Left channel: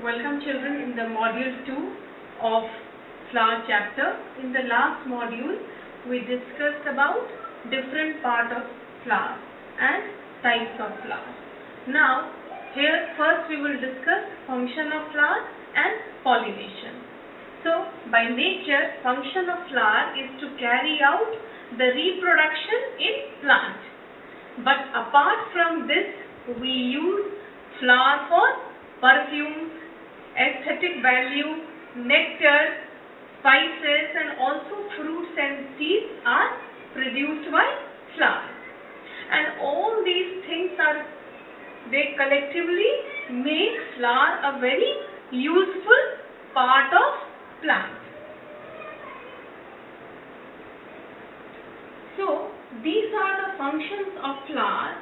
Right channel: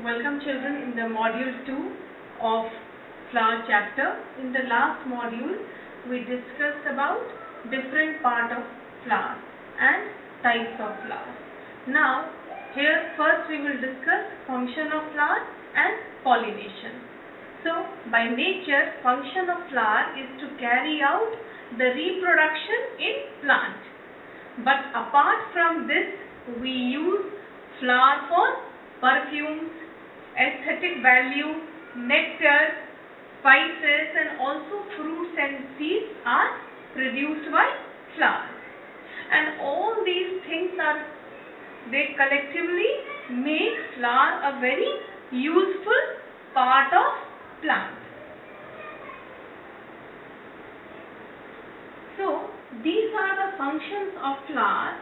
Welcome children in the module 2 of flower chapter. In the last module we discussed about different part of flower and types of flowers. Now here first we will discuss function of flower and pollination. So by nature function of flower is to carry out the reproduction in plant. But apart from this we use flower for perfumes, aesthetic value, nectar, spices, and also fruits and seeds are produced by flower. And all these things they collectively make flower a very useful part of plant. So these are the functions of flower,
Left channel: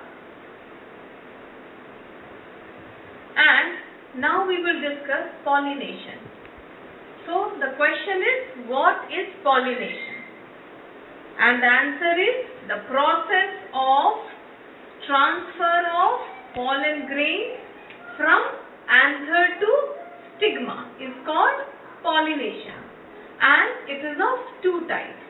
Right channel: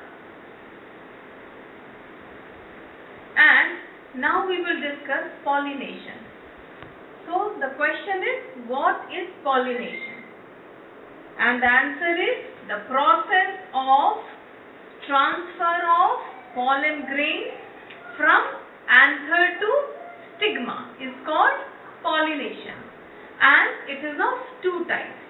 and now we will discuss pollination. So the question is, what is pollination? And the answer is the process of transfer of pollen grains from anther to stigma is called pollination, and it is of two types.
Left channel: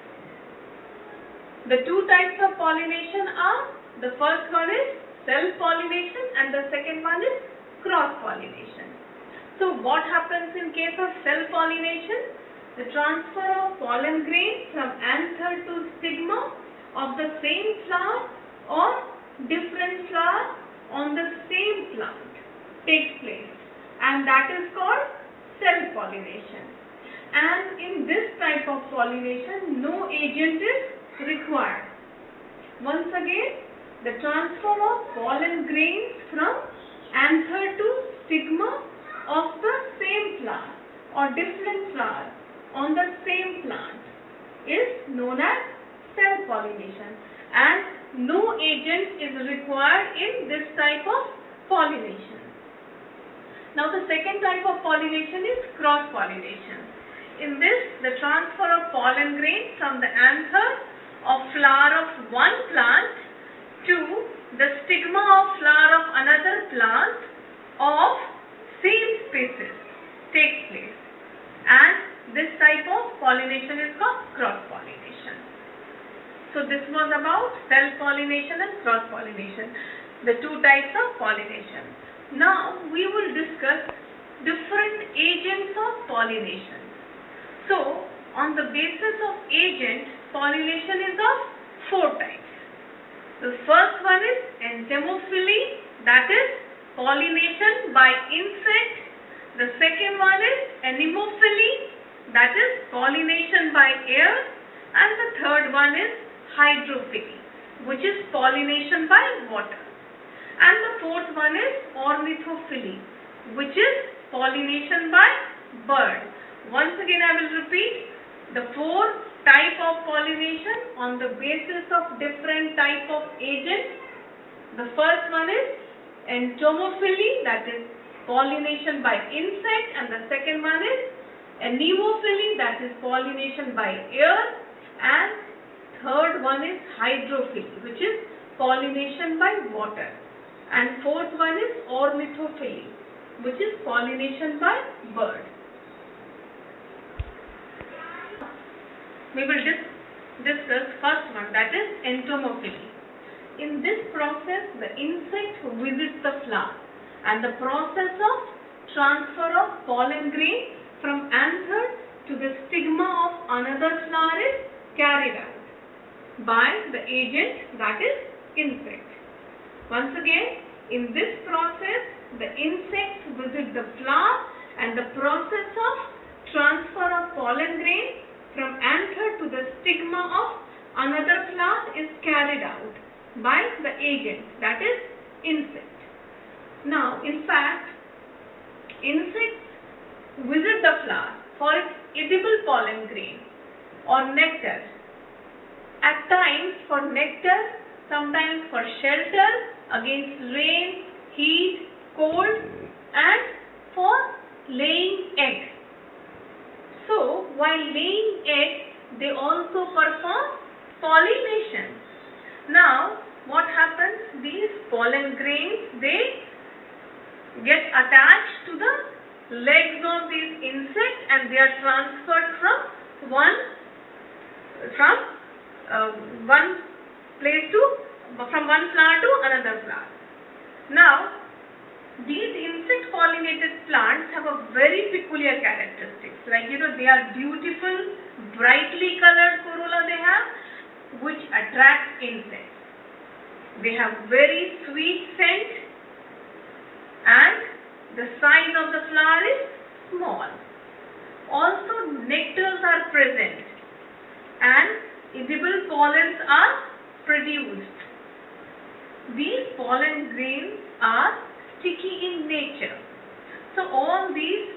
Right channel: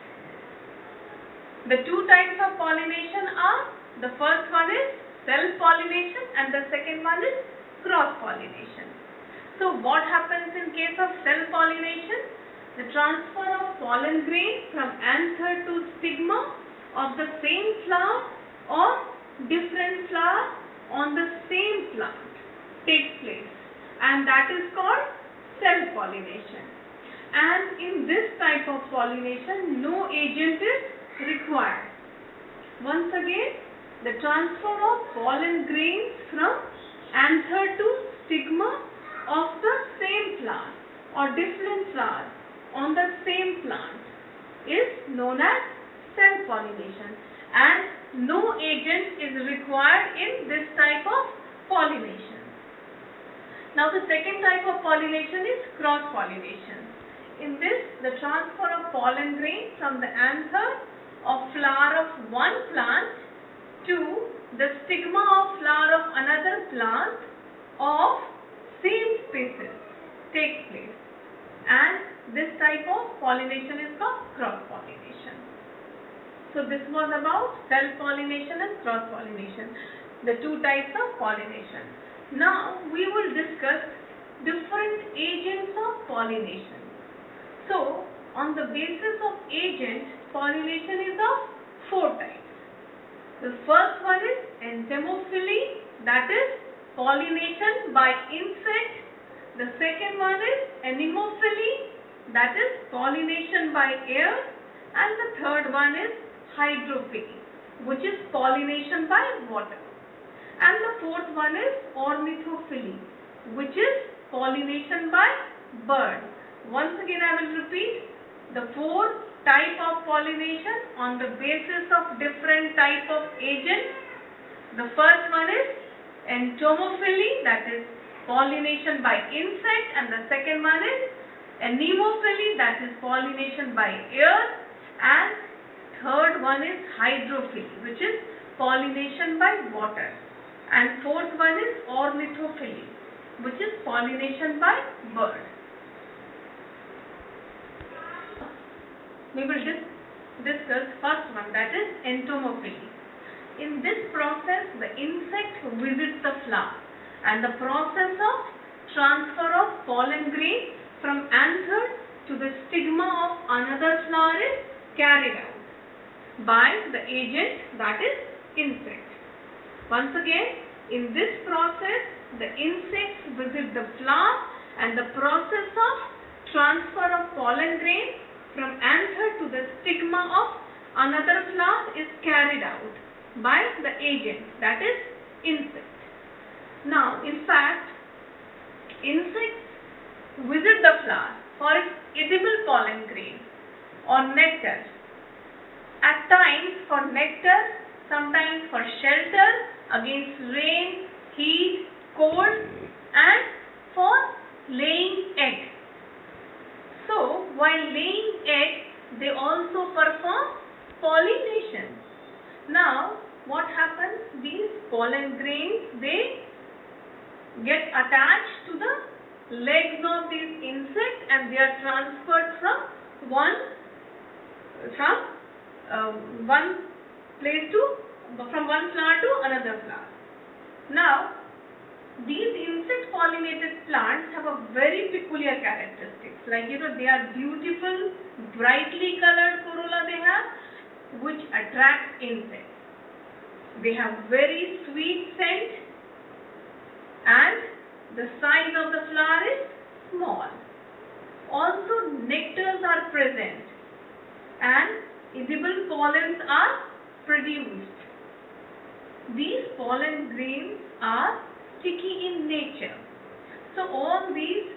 The two types of pollination are, the first one is self-pollination and the second one is cross-pollination. So what happens in case of self-pollination? The transfer of pollen grains from anther to stigma of the same flower or different flower on the same plant takes place, and that is called self-pollination. And in this type of pollination no agent is required. Once again, the transfer of pollen grains from anther to stigma of the same flower or different flowers on the same plant is known as self-pollination, and no agent is required in this type of pollination. Now the second type of pollination is cross-pollination. In this, the transfer of pollen grain from the anther of flower of one plant to the stigma of flower of another plant of same species takes place, and this type of pollination is called cross-pollination. So this was about self-pollination and cross-pollination, the two types of pollination. Now we will discuss different agents of pollination. So on the basis of agent, pollination is of four types. The first one is entomophily, that is pollination by insect. The second one is anemophily, that is pollination by air. And the third one is hydrophily, which is pollination by water. And the fourth one is ornithophily, which is pollination by bird. Once again I will repeat the four type of pollination on the basis of different type of agents. The first one is entomophily, that is pollination by insect, and the second one is anemophily, that is pollination by air, and third one is hydrophily, which is pollination by water, and fourth one is ornithophily, which is pollination by bird. We will discuss first one, that is entomophily. In this process the insect visits the flower, and the process of transfer of pollen grain from anther to the stigma of another flower is carried out by the agent, that is insect. Once again, in this process the insects visit the flower, and the process of transfer of pollen grain from anther to the stigma of another flower is carried out by the agent, that is insect. Now in fact insects visit the flower for its edible pollen grain or nectar, at times for nectar, sometimes for shelter against rain, heat, cold, and for laying egg. So while laying egg they also perform pollination. Now what happens? These pollen grains, they get attached to the legs of these insects, and they are transferred from one flower to another flower. Now, these insect pollinated plants have a very peculiar characteristics. Like, they are beautiful, brightly colored corolla they have, which attracts insects. They have very sweet scent, and the size of the flower is small. Also, nectars are present and edible pollens are produced. These pollen grains are sticky in nature. So, all these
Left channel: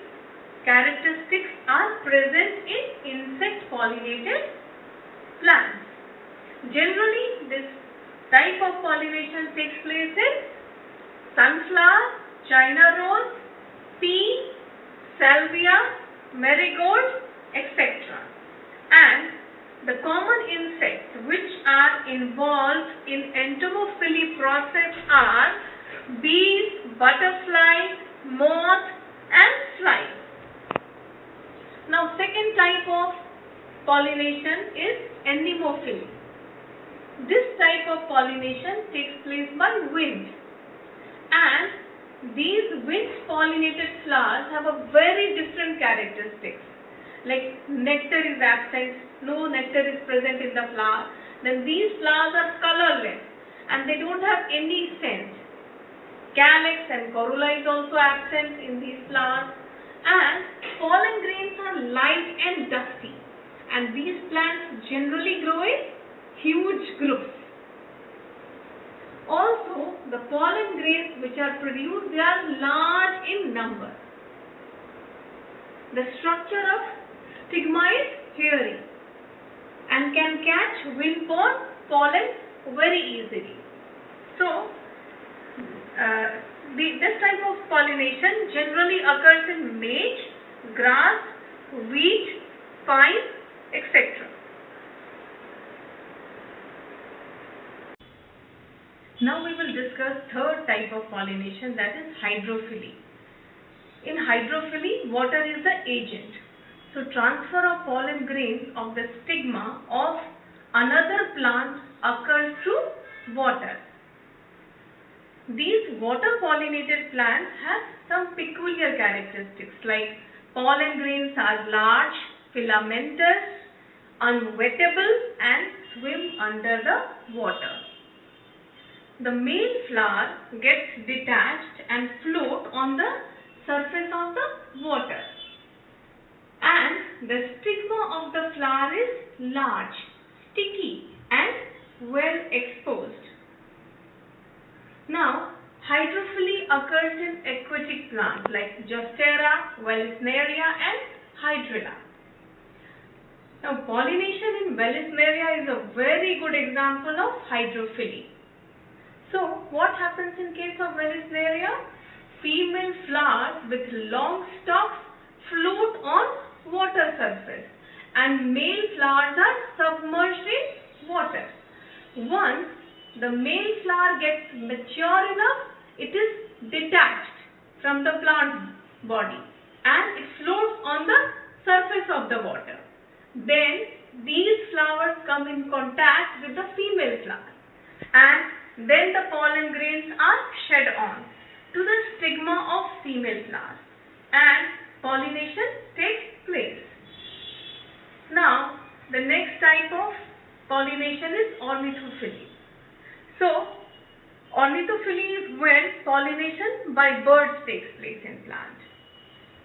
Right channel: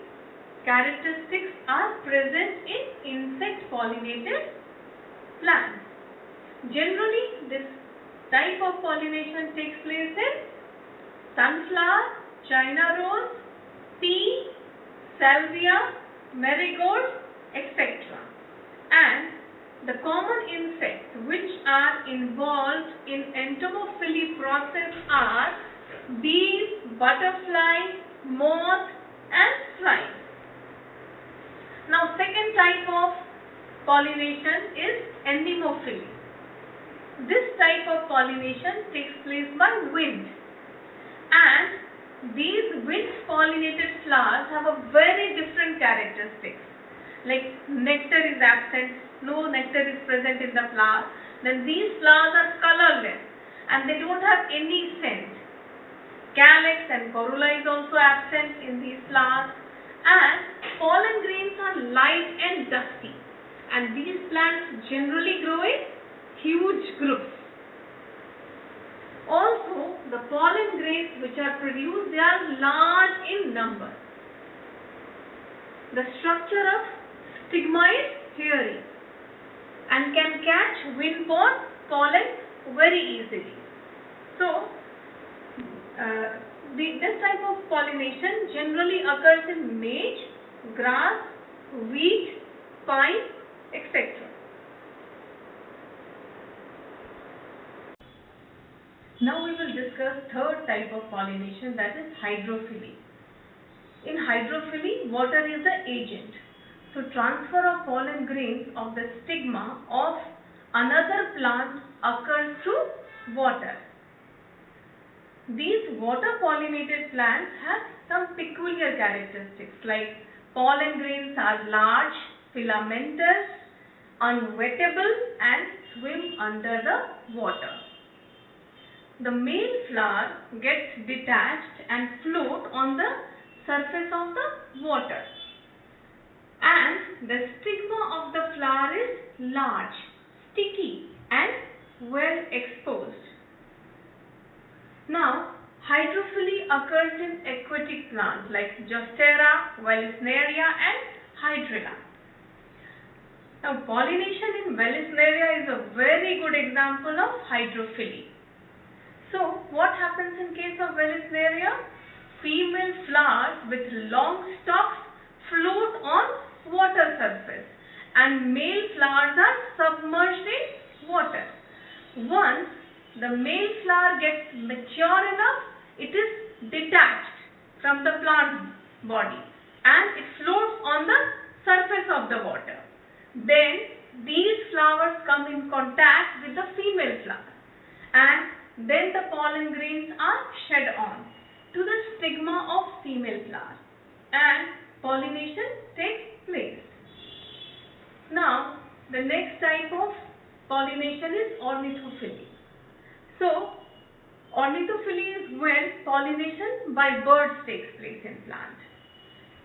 characteristics are present in insect pollinated plants. Generally, this type of pollination takes place in sunflower, China rose, pea, salvia, marigold, etc. And the common insects which are involved in entomophily process are bees, butterflies, moth and flies. Now, second type of pollination is anemophily. This type of pollination takes place by wind, and these wind pollinated flowers have a very different characteristics. Like, nectar is absent, no nectar is present in the flower. Then these flowers are colorless and they don't have any scent. Calyx and corolla is also absent in these flowers, and pollen grains are light and dusty, and these plants generally grow in huge groups. Also, the pollen grains which are produced, they are large in number. The structure of stigma is hairy and can catch wind-borne pollen very easily. So, this type of pollination generally occurs in maize, grass, wheat, pine, etc. Now we will discuss third type of pollination, that is hydrophily. In hydrophily, water is the agent. So, transfer of pollen grains of the stigma of another plant occurs through water. These water pollinated plants have some peculiar characteristics, like pollen grains are large, filamentous, unwettable and swim under the water. The male flower gets detached and float on the surface of the water, and the stigma of the flower is large, sticky and well exposed. Now, hydrophily occurs in aquatic plants like Zostera, Vallisneria and Hydrilla. Now, pollination in Vallisneria is a very good example of hydrophily. So, what happens in case of Vallisneria? Female flowers with long stalks float on water surface, and male flowers are submerged in water. Once the male flower gets mature enough, it is detached from the plant body and it floats on the surface of the water. Then these flowers come in contact with the female flower, and then the pollen grains are shed on to the stigma of female flower, and pollination takes place. Now, the next type of pollination is ornithophily. So, ornithophily is when pollination by birds takes place in plant.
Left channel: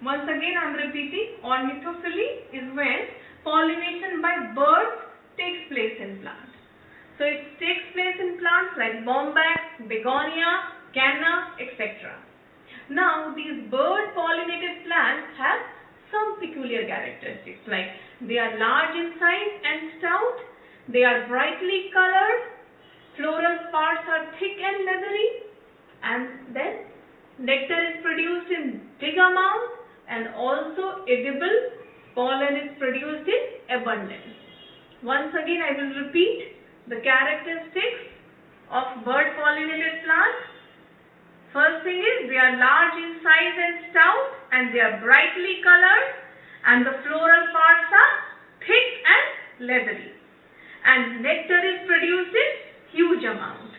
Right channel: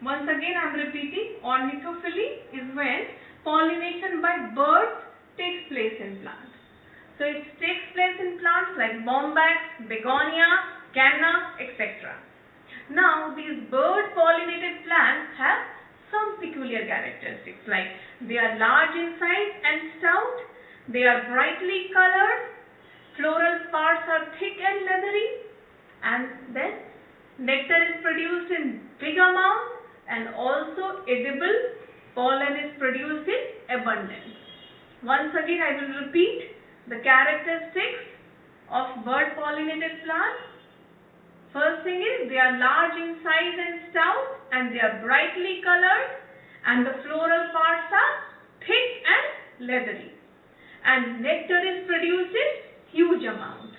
Once again I am repeating, ornithophily is when pollination by birds takes place in plant. So, it takes place in plants like bombax, begonia, canna, etc. Now, these bird pollinated plants have some peculiar characteristics, like they are large in size and stout, they are brightly colored, floral parts are thick and leathery, and then nectar is produced in big amounts, and also edible pollen is produced in abundance. Once again I will repeat the characteristics of bird pollinated plants. First thing is they are large in size and stout, and they are brightly colored, and the floral parts are thick and leathery, and nectar is produced in huge amount.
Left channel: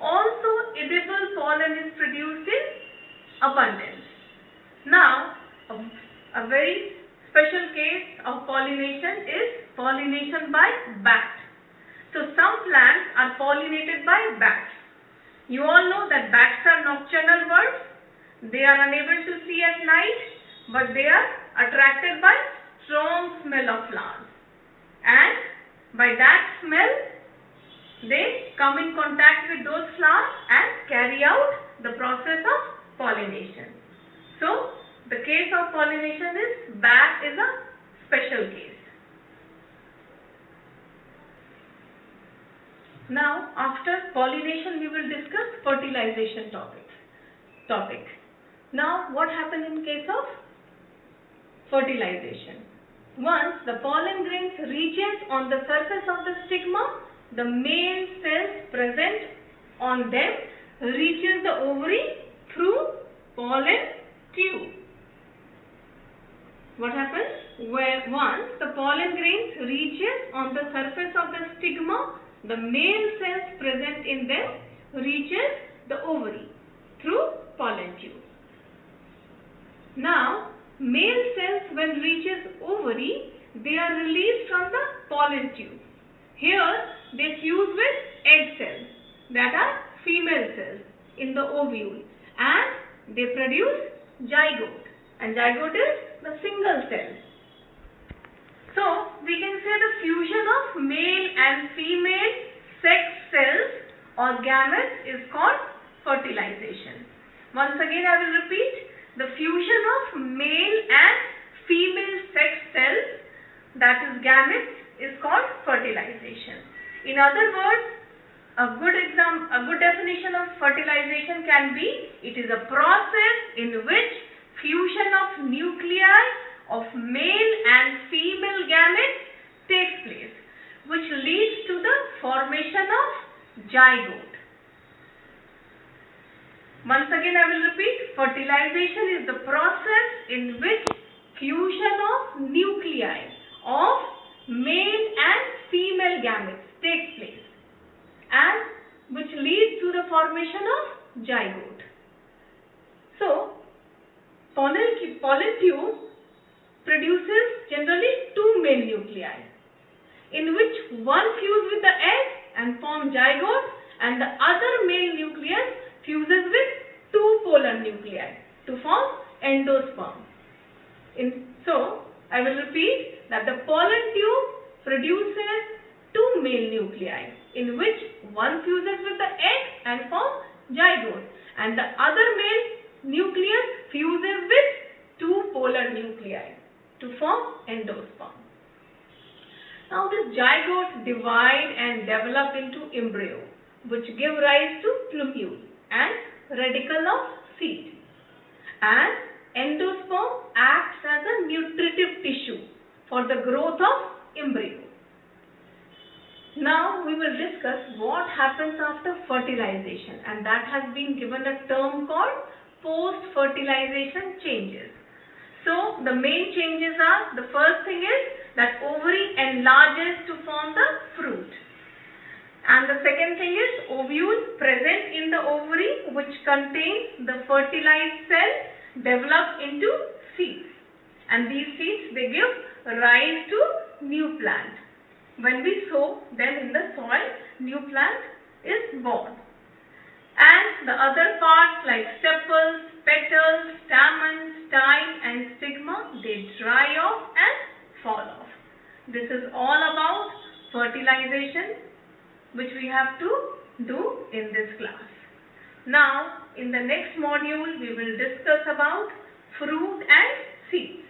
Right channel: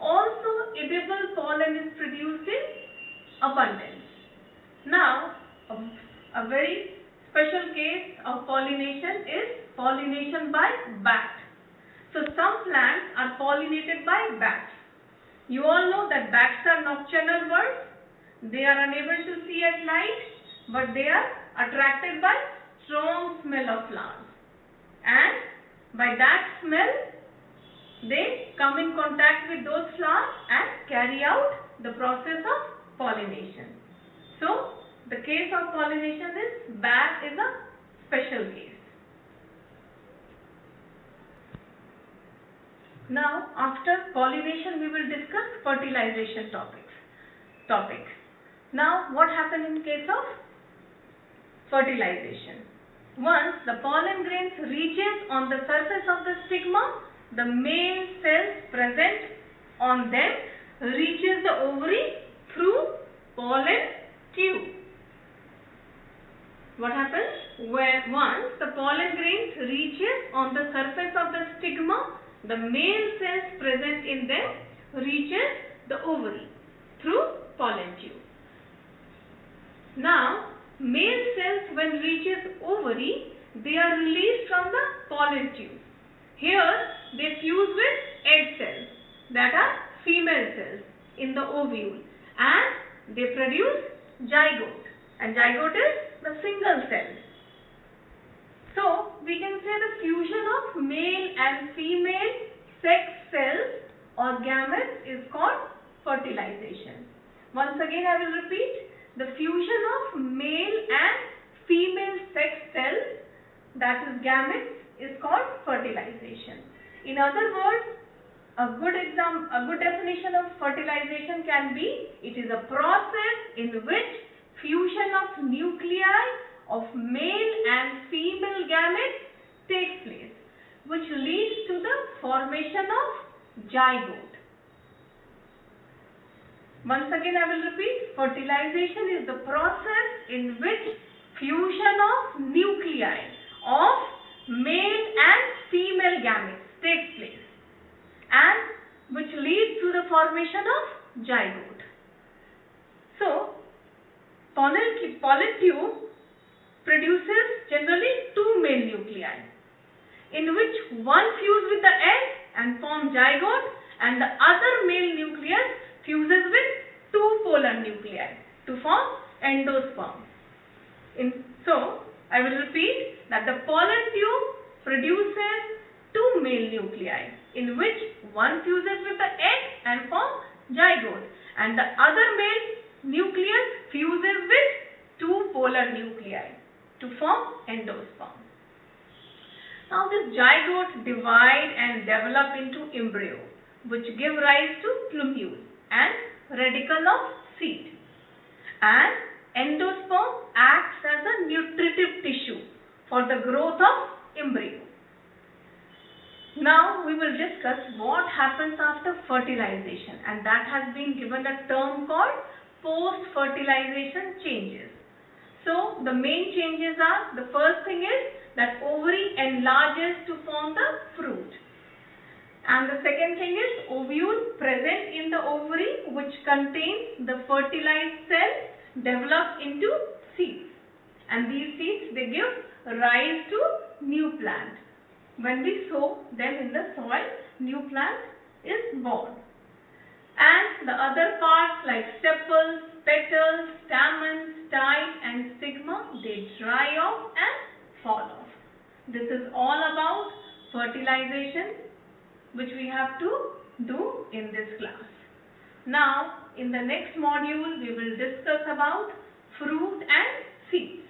Also edible pollen is produced in abundance. Now a very special case of pollination is pollination by bat. So some plants are pollinated by bats. You all know that bats are nocturnal birds. They are unable to see at night, but they are attracted by strong smell of flowers, and by that smell they come in contact with those flowers and carry out the process of pollination. So the case of pollination is bat is a special case. Now after pollination we will discuss fertilization topic. Now what happens in case of fertilization? Once the pollen grains reaches on the surface of the stigma, the male cells present on them reaches the ovary through pollen tube. What happens? Once the pollen grains reaches on the surface of the stigma, the male cells present in them reaches the ovary through pollen tube. Now male cells when reaches ovary, they are released from the pollen tube. Here they fuse with egg cells, that are female cells in the ovule, and they produce zygote, and zygote is the single cell. So we can say the fusion of male and female sex cells or gametes is called fertilization. Once again I will repeat, the fusion of male and female sex cells, that is gametes, is called fertilization. In other words, a good definition of fertilization can be, it is a process in which fusion of nuclei of male and female gametes takes place, which leads to the formation of zygote. Once again I will repeat, fertilization is the process in which fusion of nuclei of male and female gametes takes place, and which leads to the formation of zygote. So pollen tube produces generally two male nuclei, in which one fuse with the egg and form zygote, and the other male nucleus fuses with two polar nuclei to form endosperm. So I will repeat that the pollen tube produces two male nuclei, in which one fuses with the egg and forms zygote, and the other male nucleus fuses with two polar nuclei to form endosperm. Now this zygote divide and develop into embryo, which give rise to plumule and radicle of seed, and endosperm acts as a nutritive tissue for the growth of embryo. Now we will discuss what happens after fertilization, and that has been given a term called post-fertilization changes. So the main changes are, the first thing is that ovary enlarges to form the fruit. And the second thing is ovule present in the ovary, which contains the fertilized cell, develop into seeds. And these seeds, they give rise to new plant. When we sow them in the soil, new plant is born. And the other parts like sepals, petals, stamen, style and stigma, they dry off and fall off. This is all about fertilization, which we have to do in this class. Now, in the next module, we will discuss about fruit and seeds.